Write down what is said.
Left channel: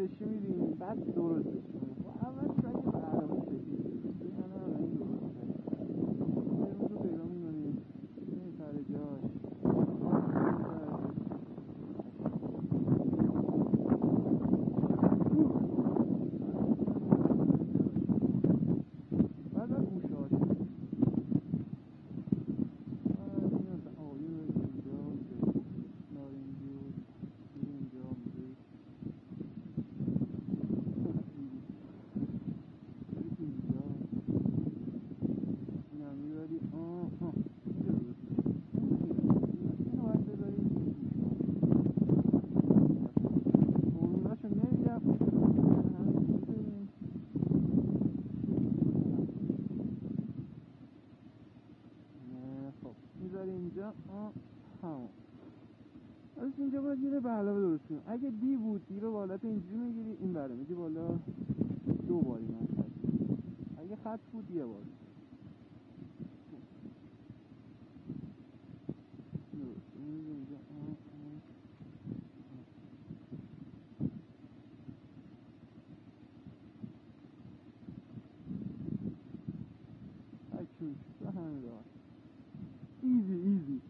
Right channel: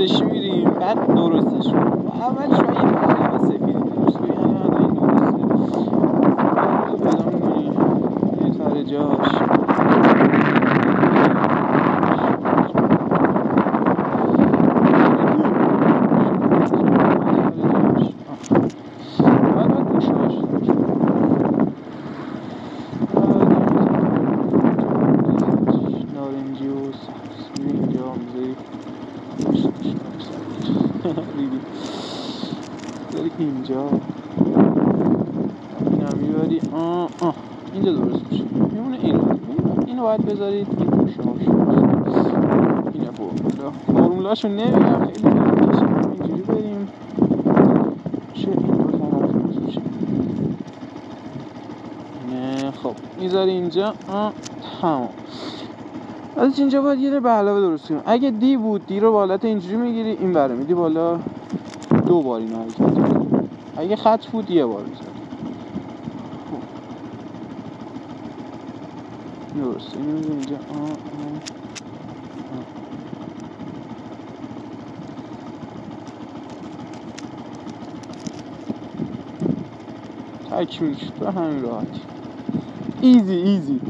اورنجشی میریم بعد درستش میکنیم. اولش باید یه قلم سفیدی درست کنیم. الان این درسته پیدا میکنیم یه سر جاش. اینجا اینم میبری اینجا درست میشه میمونه. اینو باید بذارید این پوشاش اینه فرمولاشو نمیگم خیلی اینجوری بریم چه این طرف میشه نه. خب میذاری اینجا تمام. از اینجا باید یه به علاوه درست کنیم. اگه دی بود دی رو بالات اینجوری میگیری این بره میدی بالا 2 بار اینو حرکت. اگه خط بود یه بار میزد. درسته اینو میزد اینجا تکمیل شد به همین راحتی. ایزی